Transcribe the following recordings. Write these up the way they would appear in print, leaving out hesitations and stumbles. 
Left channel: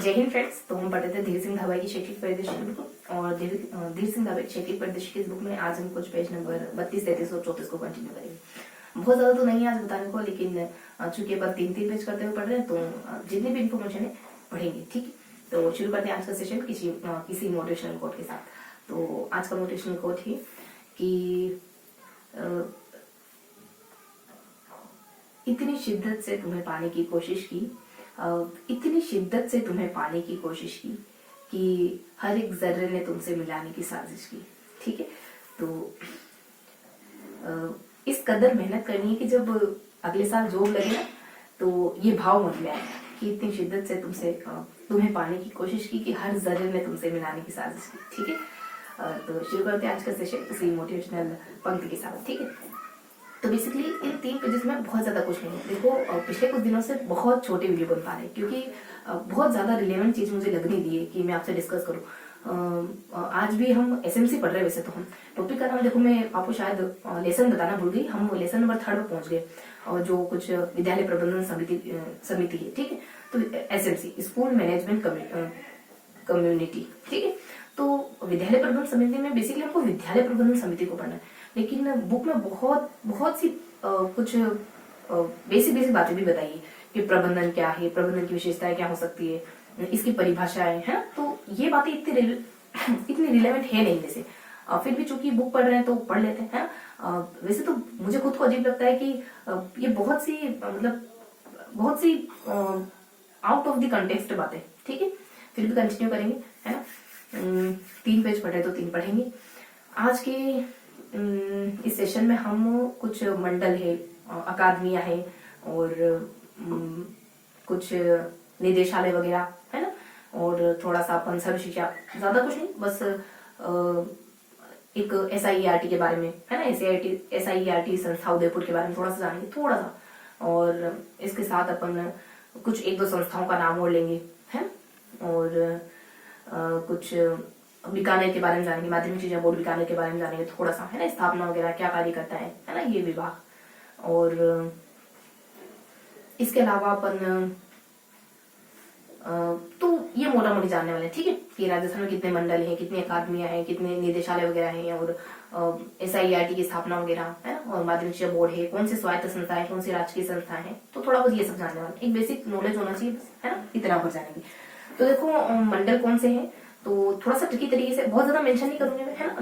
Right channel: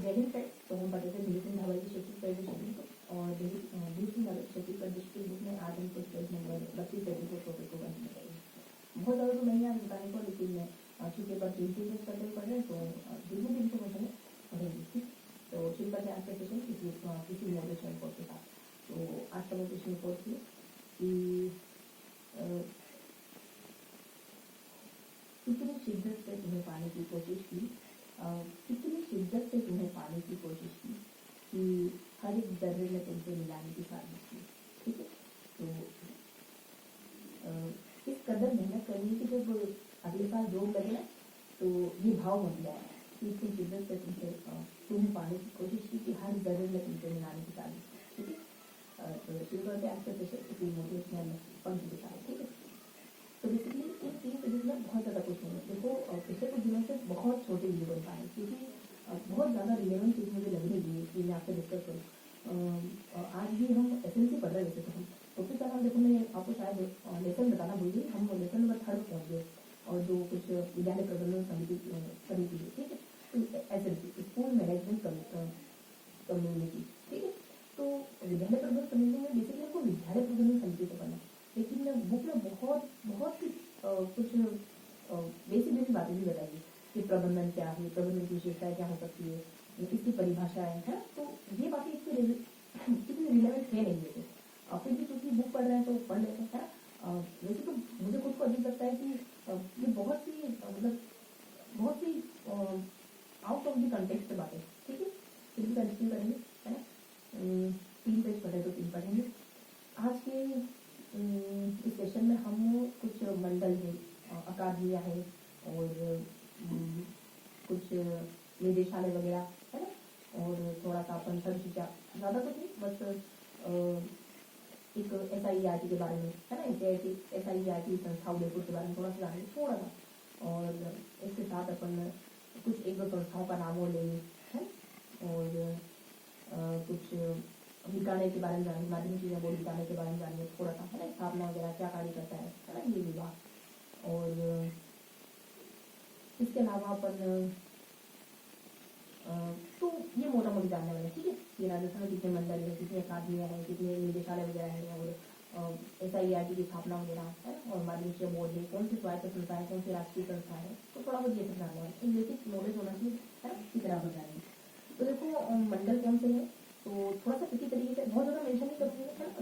जय हिंद फ्रेंड्स। तो हम पढ़ रहे थे धीर सिंह धाबा की शैक्षिक परिदृश्य बुक और धीर सिंह धाबा की शैक्षिक परिदृश्य की इस बुक में आज हम कुछ पेज नंबर 32, 33 और 34 को कंटिन्यू करेंगे। बहुत ज्यादा तो नहीं है आज बताने को, लेकिन चूंकि अपन 3-3 पेज करते हुए पढ़ रहे हैं तो जितनी भी इन्फॉर्मेशन है पढ़ेंगे। ठीक है, तो शुरू करते हैं आज का सेशन किसी मोटिवेशनल कोट के साथ। तो आज का मोटिवेशनल कोट है कि इतनी शिद्दत से तुम्हें पाने की कोशिश की, इतनी शिद्दत से तुम्हें पाने की कोशिश की कि हर एक जर्रे ने तुमसे मिलाने की साजिश की। ठीक है, तो इस कदर मेहनत करनी है कि जब अगले साल जॉब लगे ना तो ये भाव मन में आए कि इतनी शिद्दत से तुम्हें पाने की कोशिश की कि हर जर्रे ने तुमसे मिलाने की साजिश की। ठीक है, तो शुरू करते हैं आज का सेशन इसी मोटिवेशनल पंक्ति के साथ। ठीक है, तो बेसिकली इन 3 पेजेस में बहुत ज्यादा कुछ नहीं है। देखो, पिछले कुछ दिनों से बहुत छोटे वीडियो बन पा रहे हैं क्योंकि बहुत ज्यादा रिलेवेंट चीज मुझे लग नहीं रही है कि मैं आपसे डिस्कस करूं। आज भी हम एसएमसी पढ़ रहे हैं। वैसे तो हम टॉपिक का नाम, देखो मैं आपको शायद लेसन बताना भूल गई, हम लेसन नंबर 3 पर पहुंच गए और जो कुछ विद्यालय प्रबंधन समिति है। ठीक है, तो एसएमसी स्कूल मैनेजमेंट कम्युनिटी। ठीक है, तो विद्यालय प्रबंधन समिति में बेसिकली हमको विद्यालय प्रबंधन समिति को पढ़ना है, लेकिन बुक में बहुत सी कुछ बेसिक बातें भी बताई है कि प्रबंधन क्या है, प्रबंधन की विशेषताएं क्या हो सकती है, इसकी परिभाषाएं है। तो ये बातें इतनी रिलेवेंट है नहीं वैसे, फिर भी चूंकि बुक पढ़ रहे हैं तो पढ़ लेते हैं। वैसे तो मुझे खुद को अजीब लगता है कि ये बहुत सी आउट ऑफ द कंटेक्स्ट बातें। ठीक है, फिर भी कंटिन्यू करेंगे, है ना। 3 पेज पढ़े तो 3 पढ़ेंगे। आज के इस सेशन में हम कुछ मंडल है, अकादमियां है और कुछ निदेशालय वगैरह, है ना, और थोड़ा सा अपन सर्व शिक्षा, ज्यादा कुछ नहीं, बस एक SIERT के बारे में, है ना, SIERT संस्था उदयपुर के बारे में थोड़ा सा जानेंगे, थोड़ा सा, और इसके साथ अपन कुछ 1-2 संस्थाओं का नाम और लेंगे, है, और कुछ बीकानेर के बारे में जानेंगे, माध्यमिक शिक्षा बोर्ड बीकानेर के बारे में जानेंगे थोड़ा सा, है ना, स्थापना वगैरह क्या कार्य करता है ना ये विभाग। और इसके अलावा अपन तो ये मोटा मोटी जानने वाले हैं। ठीक है, कि राजस्थान में कितने मंडल हैं, कितनी अकादमियां हैं, कितने निदेशालय वगैरह हैं, और SIERT की स्थापना वगैरह, है ना, और माध्यमिक शिक्षा बोर्ड है, कौन सी स्वायत्त संस्थाएं, कौन सी राजकीय संस्थाएं हैं, तो थोड़ा बहुत ये सब जानने वाले, एक बेसिक नॉलेज होना चाहिए, है ना, इतना हो जाएंगे। तो देखो, मंडल कौन से हैं, तो थोड़ा सा ट्रिकी तरीके से, बहुत ज्यादा मेंशन नहीं करूंगी मैं, है ना,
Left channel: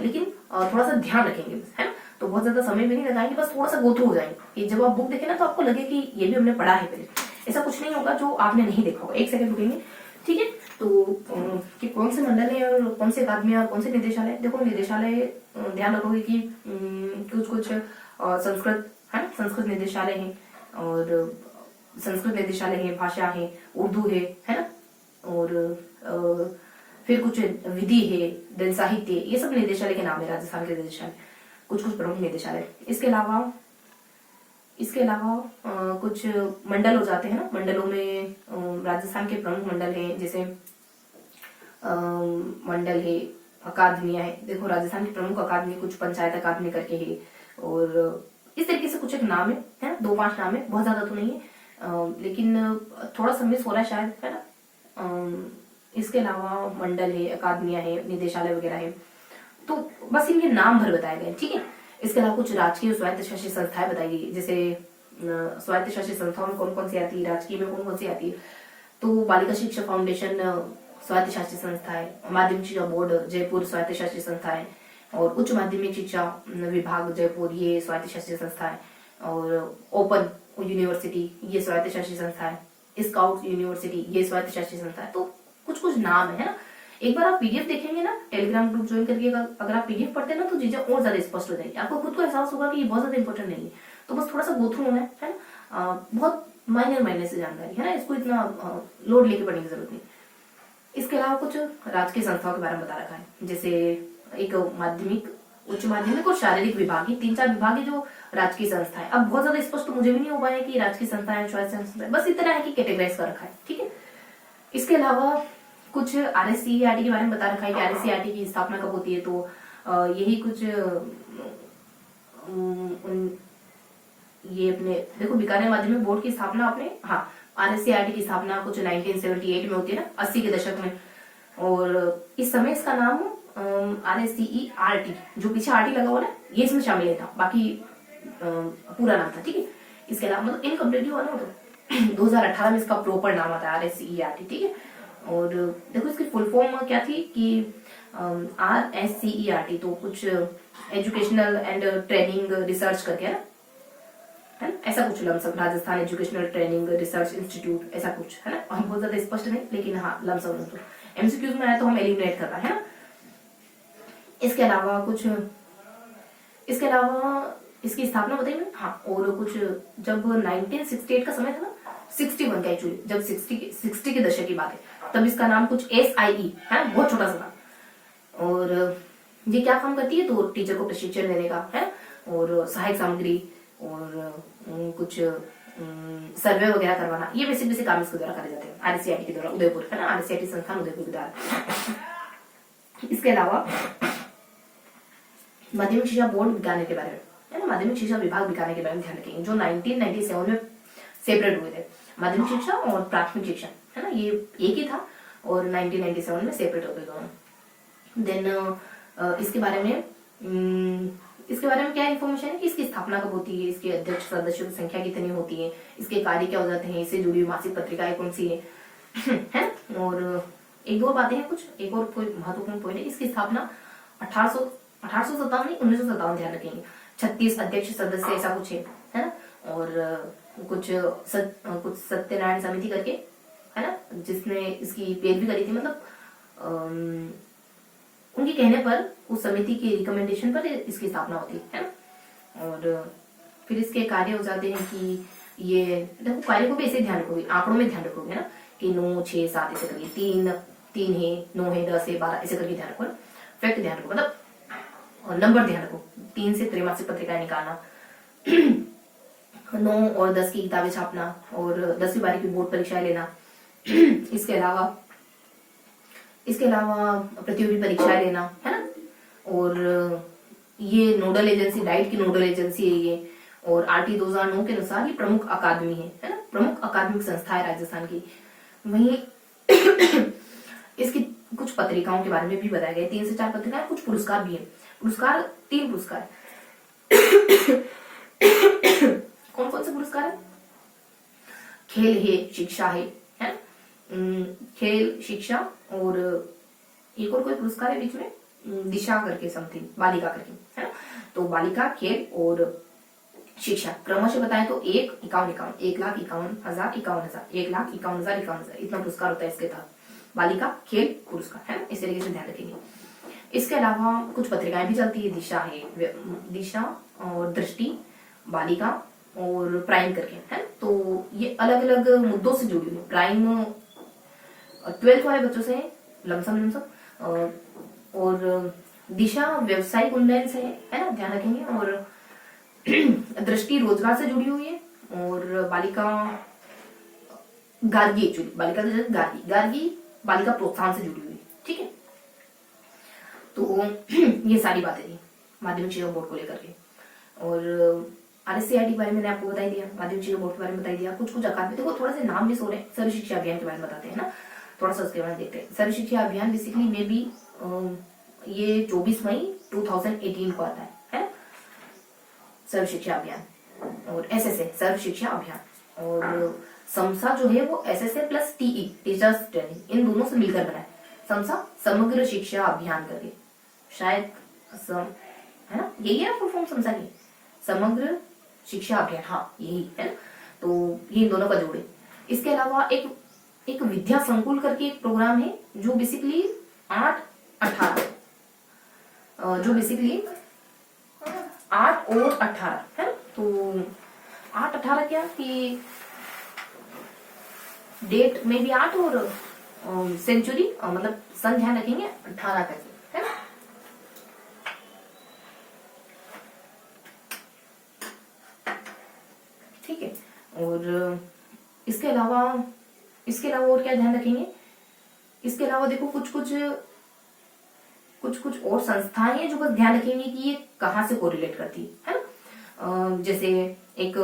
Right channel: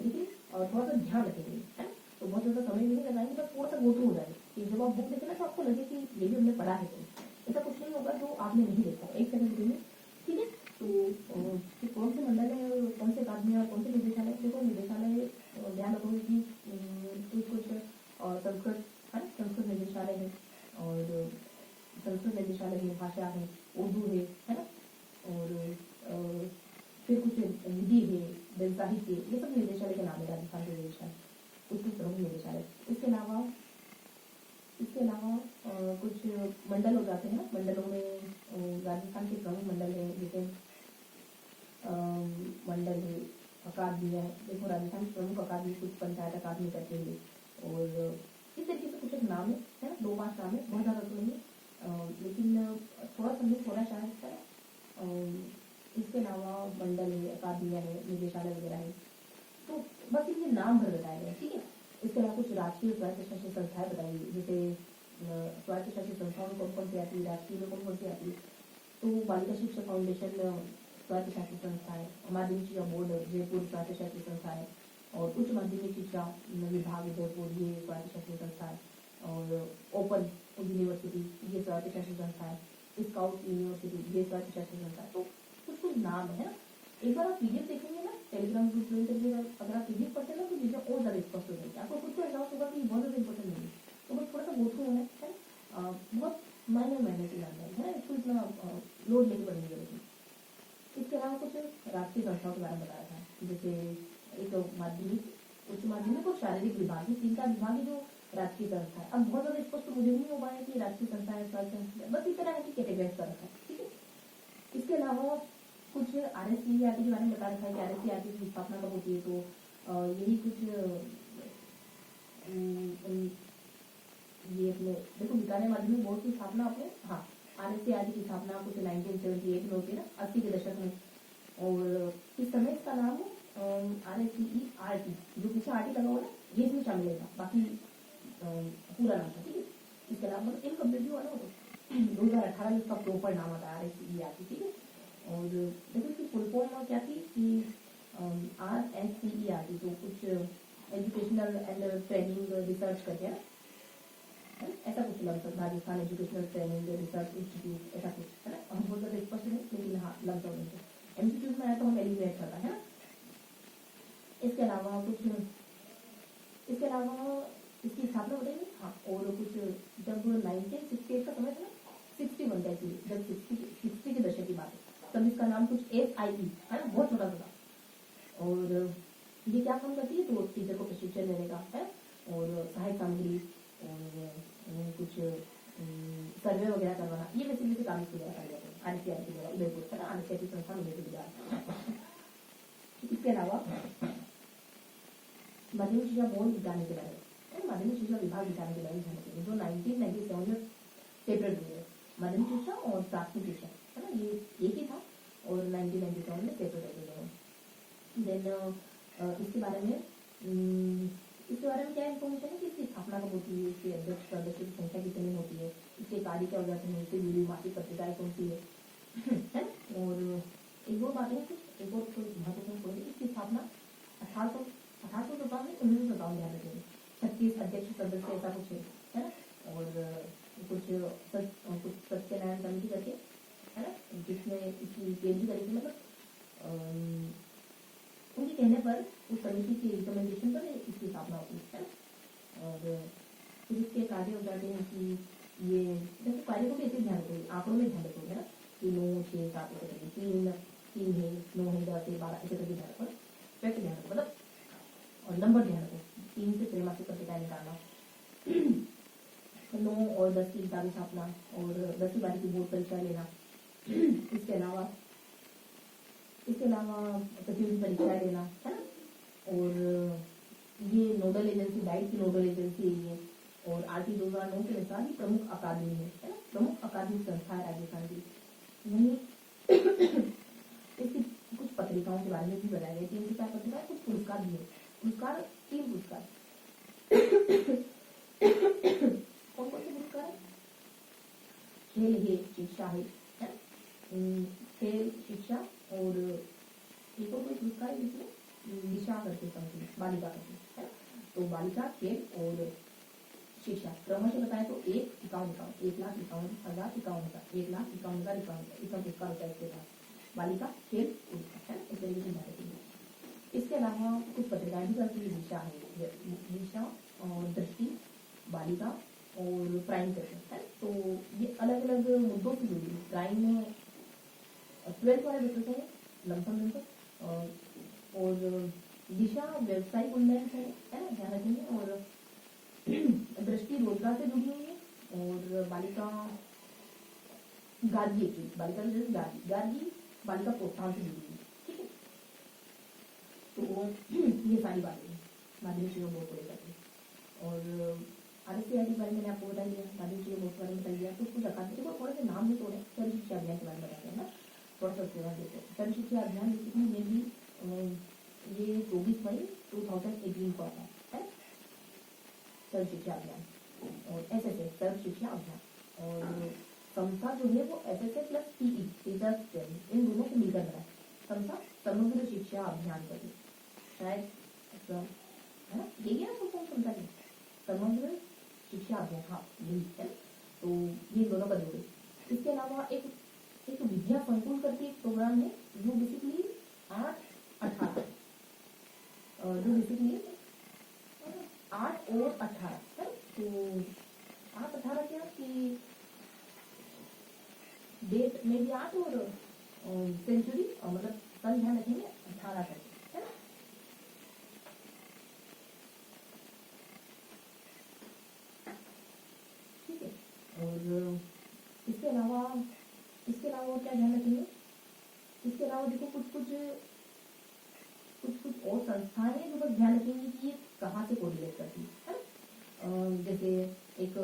लेकिन थोड़ा सा ध्यान रखेंगे, है ना, तो बहुत ज्यादा समय भी नहीं लगाएंगे, बस थोड़ा सा गो थ्रू हो जाएंगे कि जब आप बुक देखें ना तो आपको लगे कि ये भी हमने पढ़ा है पहले। ऐसा कुछ नहीं होगा जो आपने नहीं देखा होगा। 1 सेकंड रुकेंगे। ठीक है, तो कि कौन से मंडल है और कौन से अकादमी और कौन से निदेशालय। देखो, निदेशालय ध्यान रखोगे कि कुछ संस्कृत, है ना, संस्कृत निदेशालय है, और संस्कृत निदेशालय है, भाषा है, उर्दू है ना, और फिर कुछ विधि है, दल साहित्य, ये सब निदेशालय के नाम है, राजस्थान के निदेशालय, कुछ प्रमुख निदेशालय। इसके अलावा कुछ मंडल हो जाते हैं ना, मंडलों में राजस्थान के प्रमुख मंडल हैं, जैसे मंडल है, अकादमियां है। देखो, राजस्थान की प्रमुख अकादमी कुछ पंचायत अकादमी करके है, और इस तरीके से कुछ एक नाम है, 2-5 नाम है, बहुत ज्यादा तो नहीं है, लेकिन थोड़ा सा मिस हो रहा है शायद, है ना। इसके अलावा मंडल है, अकादमियां है, निदेशालय वगैरह है, तो बस इनके नाम भर बताए गए। ठीक है, इसके अलावा कुछ राजकीय स्वायत्त शासित संस्थाएं बताई गई, जैसे स्वायत्त शासित संस्थाओं में कौन कौन सी आती है, राजकीय में कौन कौन सी आती है, तो बालिका शिक्षा फाउंडेशन स्वायत्त शासित संस्था है, माध्यमिक शिक्षा बोर्ड जयपुर स्वायत्त शासित संस्था है, और उच्च माध्यमिक शिक्षा विभाग जयपुर ये स्वायत्त शासित संस्था है, और ओपन यूनिवर्सिटी ये स्वायत्त शासित संस्था है, स्काउट यूनिवर्सिटी ये स्वायत्त शासित संस्था है। तो कुछ नाम है ना। एक बार आप PDF देखेंगे ना, टेलीग्राम ग्रुप ज्वाइन करके, अगर आप PDF पढ़ते हैं ना तो चीजें और ज्यादा स्पष्ट हो जाएगी, आपको खुद को एहसास होगा कि ये बहुत ज्यादा इंपॉर्टेंट नहीं है, तो बस थोड़ा सा गो थ्रू होना है ना। बहुत माइनर से जानकारी है ना, इसको इतना लोड लेके पढ़ने की जरूरत नहीं। इसके अलावा कुछ राजकीय संस्थाओं के बारे में बता रखा है, जैसे एक माध्यमिक, उच्च माध्यमिक और शारीरिक विभाग, 3-4 विभाग है जो राजकीय संस्था है। अब बहुत ज्यादा स्पष्ट तो मुझे भी नहीं हो पाया कि राजकीय संस्था है, स्वायत्त संस्था है, बस इतना है कि कैटेगराइज कर रखा है। ठीक है, इसके अलावा कुछ RSCERT के बारे में बता रखा है कि RSCERT की स्थापना कब होती है, तो यही कुछ ये अपने देखो, बीकानेर माध्यमिक बोर्ड की स्थापना अपने RSCRT की स्थापना कुछ 1978 में होती है ना, 80 के दशक में। और इस समय इसका नाम RSCERT, जो पीछे RT लगा हुआ ना, ये इसमें शामिल था, बाकी पूरा नाम था, ठीक है। इसके अलावा मतलब इनकम्प्लीट हुआ ना तो 2018 में इसका प्रॉपर नाम आता है RSCERT, ठीक है। और देखो इसकी फुल फॉर्म क्या थी कि RSCERT तो कुछ एजुकेशनल एंड ट्रेनिंग रिसर्च करके है ना, ऐसा कुछ lump sum, Rajasthan educational training research institute, ऐसा कुछ है ना। हम बहुत ज्यादा स्पष्ट नहीं, लेकिन हाँ लमसम तो MCQs में आया तो हम एलिमिनेट करना है ना। इसके अलावा इसकी स्थापना बताइए हाँ। और कुछ जब 1968 का समय था ना, 61 का एक्चुअली, जब 60 के दशक की बात है, तब इसका नाम कुछ SIE है ना, बहुत छोटा सा था। और ये क्या काम करती है, तो टीचर को प्रशिक्षण देने का है, और सहायक सामग्री और कुछ सर्वे वगैरह करवाना, ये बेसिक काम इसके द्वारा करे जाते हैं, RSCRT के द्वारा, उदयपुर है ना, RSCRT संस्थान उदयपुर के द्वारा। इसके अलावा माध्यमिक शिक्षा बोर्ड बिकाने के बारे में है ना, माध्यमिक शिक्षा विभाग बिकाने के बारे में ध्यान रखेंगे, जो 1997 में सेपरेट हुए थे। माध्यमिक शिक्षा और प्राथमिक शिक्षा है ना, ये एक ही था, और 1997 में सेपरेट हो गए दोनों। देन इसके बारे में क्या इन्फॉर्मेशन है कि इसकी स्थापना कब होती है, इसके अध्यक्ष सदस्यों की संख्या कितनी होती है, इसके कार्य क्या हो जाते हैं, इससे जुड़ी मासिक पत्रिकाएं कौन सी है। और एक दो बातें हैं, कुछ एक और कोई महत्वपूर्ण पॉइंट है, इसकी स्थापना 1857 नहीं 1957, ध्यान रखेंगे। 36 अध्यक्ष सदस्य ऐसा कुछ है ना। और कुछ सत्यनारायण समिति करके है ना, जिसने इसकी पैरवी करी थी, मतलब उनके कहने पर, उस समिति की रिकमेंडेशन पर इसकी स्थापना होती है ना। और फिर इसके कार्य हो जाते हैं कि ये देखो, कार्य को भी ऐसे ध्यान रखोगे, आंकड़ों में ध्यान रखोगे ना, कि 9, 6, 7 ऐसे करके, 3 है, 9 है, 10 है, 12 ऐसे करके ध्यान रखो, फैक्ट ध्यान रखो, मतलब नंबर ध्यान रखो। 3 से त्रैमासिक पत्रिकाएं निकालना, 9 और 10 की किताबें छापना, और 10वीं बारी की बोर्ड परीक्षाएं लेना। इसके अलावा प्रतियोगी परीक्षाएं लेना है ना। और ये नोडल एजेंसी, डाइट की नोडल एजेंसी है ये, और RT 2009 के अनुसार ये प्रमुख अकादमी है ना, प्रमुख अकादमिक संस्था है राजस्थान की। वहीं इसकी कुछ पत्रिकाओं के बारे में भी बताया गया, 3 से 4 पत्रिकाएं, कुछ पुरस्कार भी है। 3 पुरस्कार कौन कौन से पुरस्कार है? खेल है, शिक्षा है ना, खेल, शिक्षा, और एक और कोई पुरस्कार है बीच में, दिशा करके समथिंग, बालिका करके है ना। तो बालिका, खेल और शिक्षा क्रमशः बताएं तो 1,51,51, 1,51,000, 1,51,000, इतना पुरस्कार होता है इसके तहत। बालिका, खेल, पुरस्कार है ना, इस तरीके से ध्यान रखेंगे। इसके अलावा कुछ पत्रिकाएं भी चलती है, दिशा और दृष्टि, बालिका और प्राइम करके है। तो ये अलग अलग मुद्दों से जुड़ी हुई, प्राइम 12th वाले बच्चों से लमसम, और दिशा व्यवसायिक उन्नयन से है ना, ध्यान रखेंगे। और दृष्टि रोजगार से जुड़ी हुई है, और बालिका गार्गी, एक्चुअली बालिका गार्गी बालिका प्रोत्साहन से जुड़ी हुई है, ठीक है। तो ये सारी बातें थी माध्यमिक शिक्षा बोर्ड को लेकर के। और RSCRT के बारे में मैंने आपको बता दिया, माध्यमिक शिक्षा बोर्ड के बारे में बता दिया, कुछ अकादमी, देखो थोड़ा से नाम भी सो रहे हैं। सर्व शिक्षा अभियान के बारे में बताते हैं ना, थोड़ा सा उसके बारे में देखते हैं। सर्व शिक्षा अभियान बेसिकली में भी ये 24 मई 2018 को आता है ना, सर्व शिक्षा अभियान। और SSA सर्व शिक्षा अभियान, और समसा जो है वो SSA plus TE teachers training, इन दोनों से मिलकर बना है समसा, समग्र शिक्षा अभियान करके, शायद है ना, यही है फुल फॉर्म समसा की, समग्र शिक्षा अभियान, हाँ यही है ना। तो ये इन दोनों का जोड़ है। इसके अलावा एक विद्या संकुल करके एक प्रोग्राम है, जो बेसिकली 8-18 जो बेसिकली 8 और 18 है। तो 8-18 क्या कि डेट में भी 8 और सेंचुरी, मतलब सन ध्यान रखेंगे 18 करके है ना। ठीक है। और इसके अलावा और क्या ध्यान रखेंगे? इसके अलावा देखो कुछ और संस्थाएं हैं जो बस ध्यान रखेंगे कि ये कहाँ से कोरिलेट करती है ना। जैसे एक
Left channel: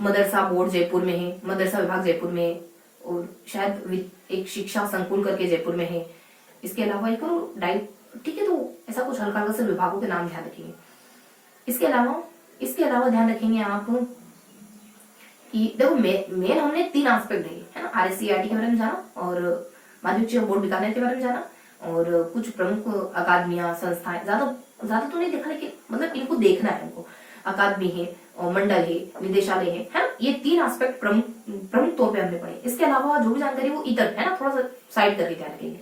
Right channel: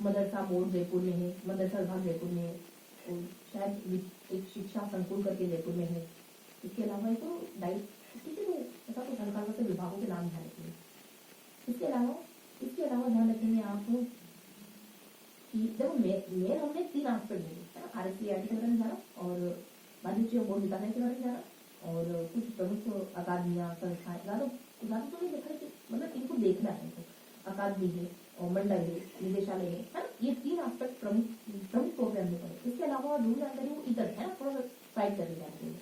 मदरसा बोर्ड जयपुर में है, मदरसा विभाग जयपुर में है, और शायद एक शिक्षा संकुल करके जयपुर में है। इसके अलावा एक डाइट, ठीक है, तो ऐसा कुछ हल्का हल्का से विभागों के नाम ध्यान रखेंगे। इसके अलावा ध्यान रखेंगे आप कि देखो मेन हमने 3 एस्पेक्ट देखे है ना, RSCERT के बारे में जाना, और माध्यमिक शिक्षा बोर्ड बीकानेर के बारे में जाना, और कुछ प्रमुख अकादमियां संस्थाएं, ज्यादा तो नहीं देखा, लेकिन मतलब इनको देखना है, इनको अकादमी है और मंडल है, निदेशालय है ना, ये 3 एस्पेक्ट प्रमुख तौर पे हमने पढ़े। इसके अलावा जो भी जानकारी वो इधर है ना, थोड़ा सा साइड करके ध्यान रखेंगे।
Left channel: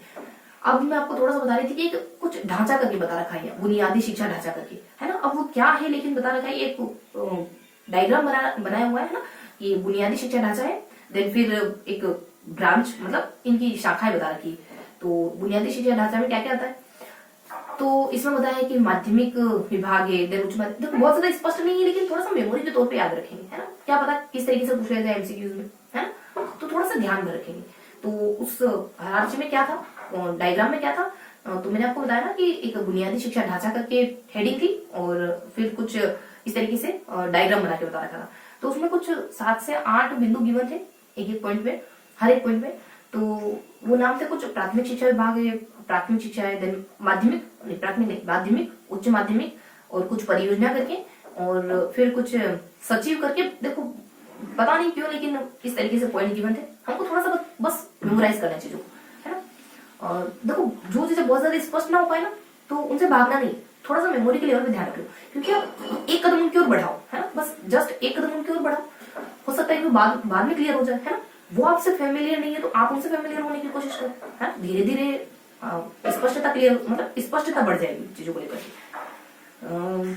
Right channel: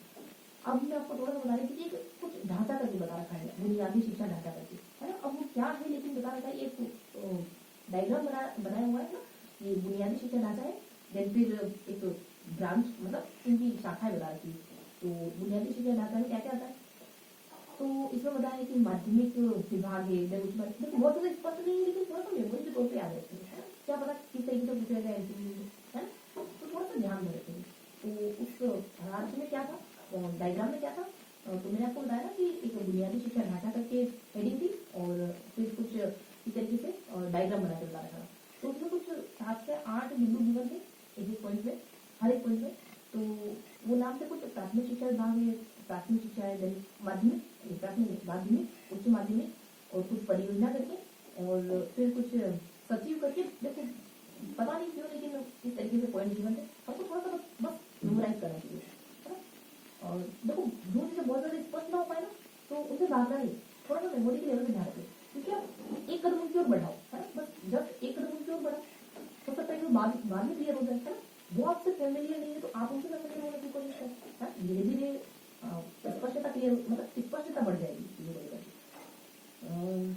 अब मैं आपको थोड़ा सा बता रही थी कि कुछ ढांचा करके बता रखा है, बुनियादी शिक्षा ढांचा करके, है ना। अब वो क्या है लेकिन बता रखा है, एक डायग्राम बनाया हुआ है ना, ये बुनियादी शिक्षा ढांचा है, देन फिर एक ब्रांच, मतलब इनकी शाखाएं बता रखी। तो बुनियादी शिक्षा ढांचा में क्या क्या आता है, तो इसमें बताया कि माध्यमिक विभाग है, देन उच्च माध्यमिक, देखो बहुत ज्यादा स्पष्ट नहीं है, लेकिन थोड़ा सा मेमोरी के तौर पे याद रखेंगे, है ना, क्या पता किस तरीके से पूछा जाए MCQs में, है ना, तो थोड़ा सा ध्यान में रखेंगे। तो उस हायरार्की में क्या था, डायग्राम में क्या था, तो मैंने आपको बताया ना कि एक बुनियादी शिक्षा ढांचा करके हेडिंग थी, और फिर कुछ इस तरीके से डायग्राम बना के बता रखा था। तो उसमें कुछ 7 से 8 बिंदु गिवन थे एक पॉइंट में, हर एक पॉइंट में। तो वो नाम थे कुछ प्राथमिक शिक्षा विभाग है, प्राथमिक शिक्षा है, देन माध्यमिक, उच्च माध्यमिक, और कुछ परियोजना करके, और फिर कुछ सचिव करके। देखो पता नहीं क्यों, लेकिन इस तरीके से पॉइंट गिवन थे, हमको थोड़ा सा बस मेमोराइज करना चाहिए, है ना। और देखो जो चीजें बहुत ज्यादा स्पष्ट ना हो पाए ना, तो उनसे भागना नहीं, थोड़ा सा मेमोरी के लेवल पे ध्यान रखो, क्योंकि आप एक कदम उनकी ओर बढ़ाओ, है ना, बस जस्ट एक कदम उनकी ओर बढ़ाओ, हो सकता है कि बाद में क्लियर हो जाए, है ना। वो आपसे फेमिलियर नहीं है तो आप उनसे फेमिलियर होने की कोशिश करो, है, धीरे धीरे स्पष्टता क्लियर, मतलब स्पष्टता बढ़ जाएगी चीजों को लेकर।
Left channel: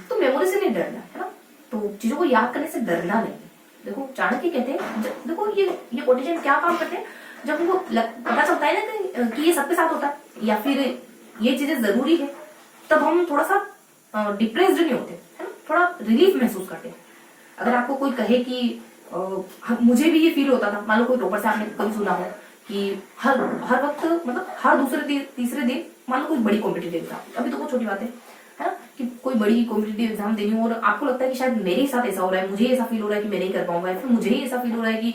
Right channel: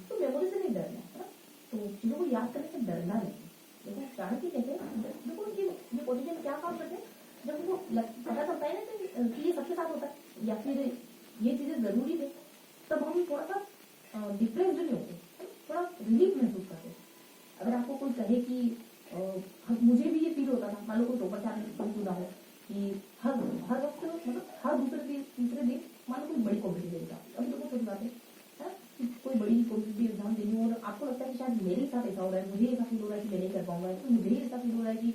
तो मेमोरी से नहीं डरना, है ना, तो चीजों को याद करने से डरना नहीं। देखो चाणक्य कहते हैं, देखो ये कोटेशन क्या काम करते हैं, जब उनको पता चलता है ना कि ये सबके साथ होता है, या फिर ये चीजें जरूरी है, तब हम थोड़ा सा डिप्रेस्ड नहीं होते, है ना, थोड़ा रिलीफ महसूस करते हैं। अगर आपको कोई कहे कि मुझे भी ये फील होता था, मान लो कोई टॉपर से आपने कभी सुना हो कि हर वक्त, मतलब हर दूसरे तीसरे दिन, मान लो कोई बड़ी कॉम्पिटिटिव एग्जाम, अभी तो बहुत छोटी बात है ना, कि कोई बड़ी कॉम्पिटिटिव एग्जाम देनी हो, और आपको लगता है कि शायद मेरे ही साथ ऐसा हो रहा है, मुझे ऐसा फील हो रहा है कि मैं नहीं कर पाऊंगा, फिर मुझे ही ऐसा फील हो रहा है कि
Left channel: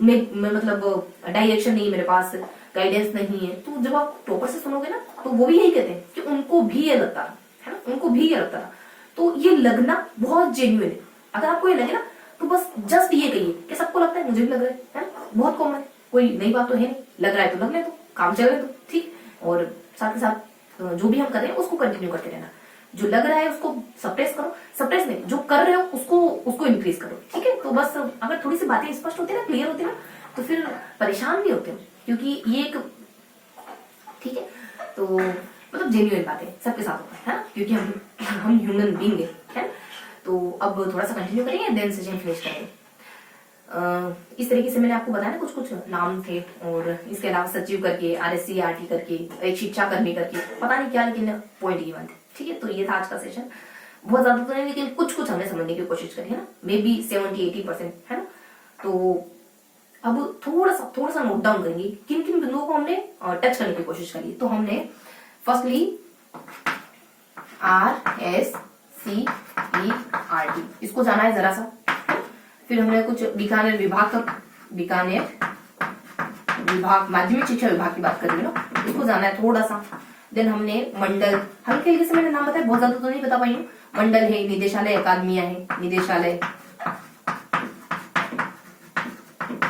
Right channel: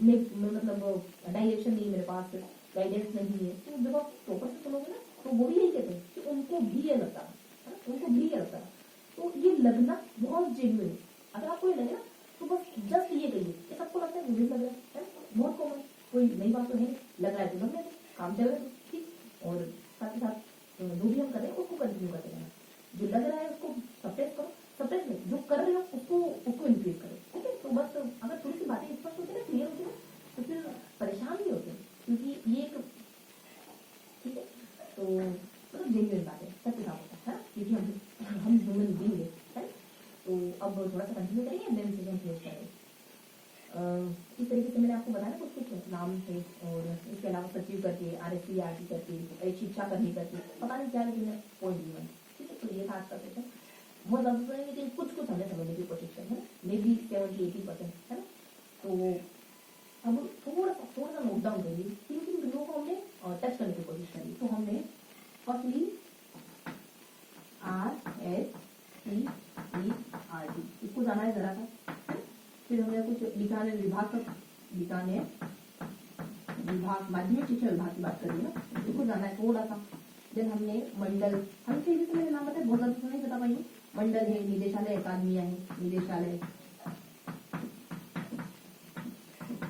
मैं मतलब डायरेक्शन नहीं, मेरे पास गाइडेंस नहीं है। तो जब आप टॉपर से सुनोगे ना, तो वो भी यही कहते हैं कि उनको भी ये लगता है ना, उनको भी ये लगता था। तो ये लगना बहुत जेन्युइन है। अगर आपको ये लगे ना, तो बस जस्ट ये कहिए कि सबको लगता है, मुझे भी लग रहा है ना, बहुत कॉमन है, कोई नई बात तो है नहीं, लग रहा है तो लगने दो, काम चल रहे तो ठीक। और साथ ही साथ जो भी हम कर रहे हैं उसको कंटिन्यू करते रहना, जो लग रहा है उसको सप्रेस करो, सप्रेस नहीं, जो कर रहे हो उसको इंक्रीज करो, ठीक है। तो बस अगर थोड़ी सी बातें स्पष्ट होती है ना, क्लियर होती है ना, तो फिर परेशान नहीं होते, क्योंकि ये एक, ठीक है, तो मतलब जेन्युइन बात है, सबके साथ होता है ना, क्योंकि हम ह्यूमन बीइंग है। तो अब थोड़ा सा कंटिन्यू करेंगे, देन सेशन फिनिश करेंगे। इस तरीके से मैंने आपको बताया ना, कुछ नाम थे, और इसके अलावा सचिव करके, RSCERT करके, एक शिक्षा कर्मी करके, पता नहीं क्या, लेकिन पॉइंट गिवन थे, ठीक है। तो ये था आज का सेशन, बहुत ज्यादा तो नहीं, लेकिन कुछ हमने समझने की कोशिश करी है ना, मे बी 70-80%, है ना। तो अब थोड़ा सा नोट डाउन करेंगे किन किन बिंदुओं को हमने टच करने की कोशिश करी। तो हमने फर्स्टली RSCERT इसको जाना है जरा सा, फिर हमने कुछ बीकानेर विभाग माध्यमिक शिक्षा विभाग की बात करी है ना, इसको जाना है थोड़ा सा। देन हमने मंडल, हल्के हल्के से मैंने नाम बताया, बहुत ज्यादा तो नहीं बता पाई हूँ। मंडल है, निदेशालय, अकादमियां है, निदेशालय,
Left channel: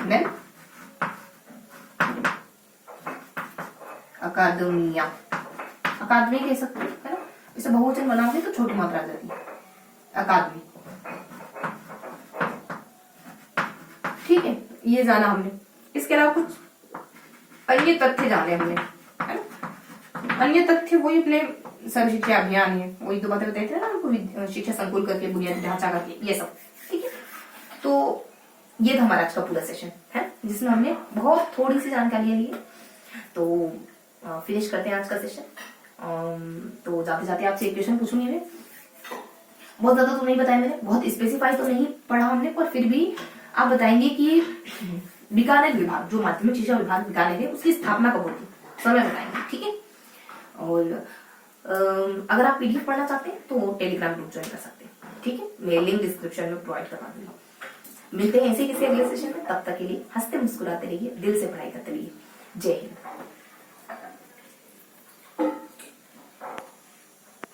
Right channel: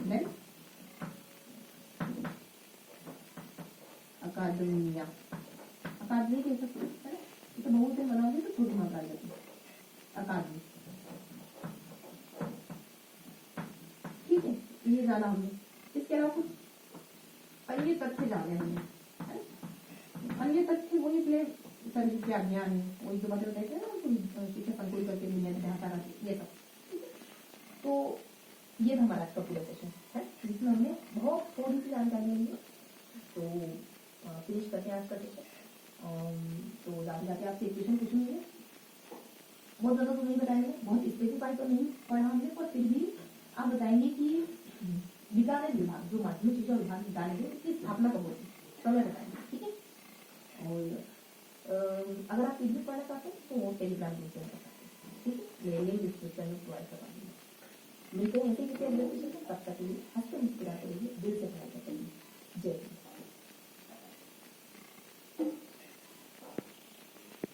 देन अकादमी कह सकते हैं, है ना। इसे बहुवचन बनाओगे तो छोटी मात्रा आ जाती है, अकादमी, ठीक है। ये जाना हमने। इसके अलावा कुछ अन्य तथ्य जाने हमने, है ना। अन्य तथ्य वही अपने सर्व शिक्षा अभियान है, वही तो बातें बताए थे ना आपको, शिक्षा संकुल करके, बुनियादी ढांचा करके, ये सब, ठीक है। तो ये था हमारा आज का पूरा सेशन, है, जिसमें हमने बहुत थोड़ी सी जानकारी ली है। तो फिनिश करते हैं आज का सेशन। तो जाते जाते आपसे एक क्वेश्चन पूछूंगी मैं, बहुत ज्यादा तो नहीं बताया मैंने, बहुत स्पेसिफाई तो नहीं पढ़ा हमने, पर फिर भी आप बताएंगे कि बीकानेर विभाग, जो माध्यमिक शिक्षा विभाग बीकानेर है, उसकी स्थापना कब होती, समय बताएंगे, ठीक है। और अगर आप PDF पढ़ना चाहते हैं तो टेलीग्राम ग्रुप ज्वाइन कर सकते हैं, ठीक है, मैं लिंक डिस्क्रिप्शन में प्रोवाइड करवा दूंगा। मिलते हैं ऐसे किसी अगले सेशन में, तब तक के लिए हंसते मुस्कुराते रहिए, दिल से पढ़ाई करते रहिए। जय हिंद।